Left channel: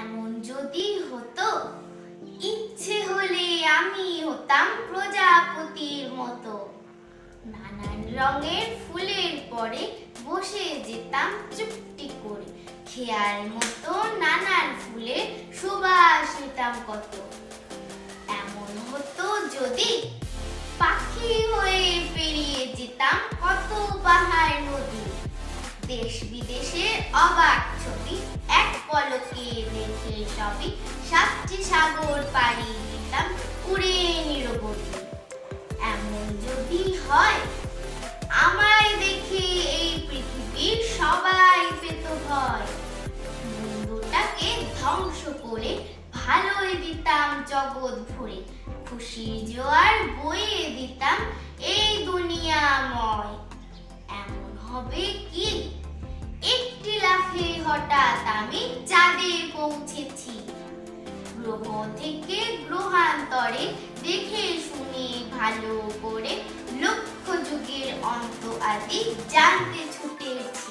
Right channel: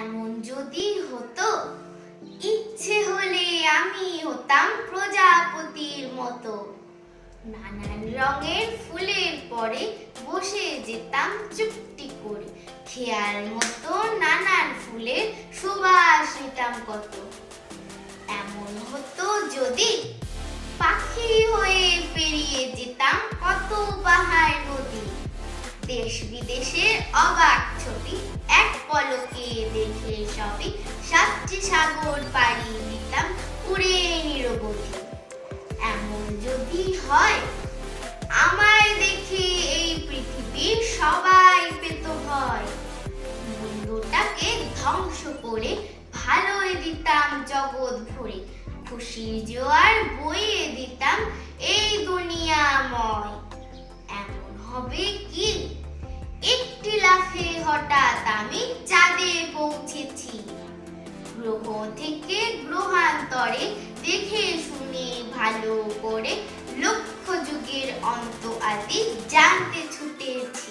এমন যদি হতো, ইচ্ছে হলে আমি হতাম প্রজাপতির মতো। নানান রঙের ফুলের পরে বসে যেতাম চুপটি করে, খেয়াল মতো নানান ফুলের সুবাস নিতাম কত। এমন হতো যদি, পাখি হয়ে পেরিয়ে যেতাম কত পাহাড় নদী। দেশ বিদেশের অবাক ছবি এক পলকে দেখে সবই, সাতটি সাগর পাড়ি দিতাম উড়ে নিরবধি। এমন যদি হয়, আমায় দেখে এই পৃথিবীর সবাই পেত ভয়। মন্দটাকে ধ্বংস করে ভালোই দিতাম জগৎ ভরে, খুশির জোয়ার বইয়ে দিতাম এই দুনিয়াময়। এমন হবে কি, একটি লাফে হঠাৎ আমি চাঁদে পৌঁছেছি। গ্রহ থেকে গ্রহান্তরে দেখে শুনে ভালো করে লক্ষ যুগের অন্ত আদি জানতে ছুটেছি।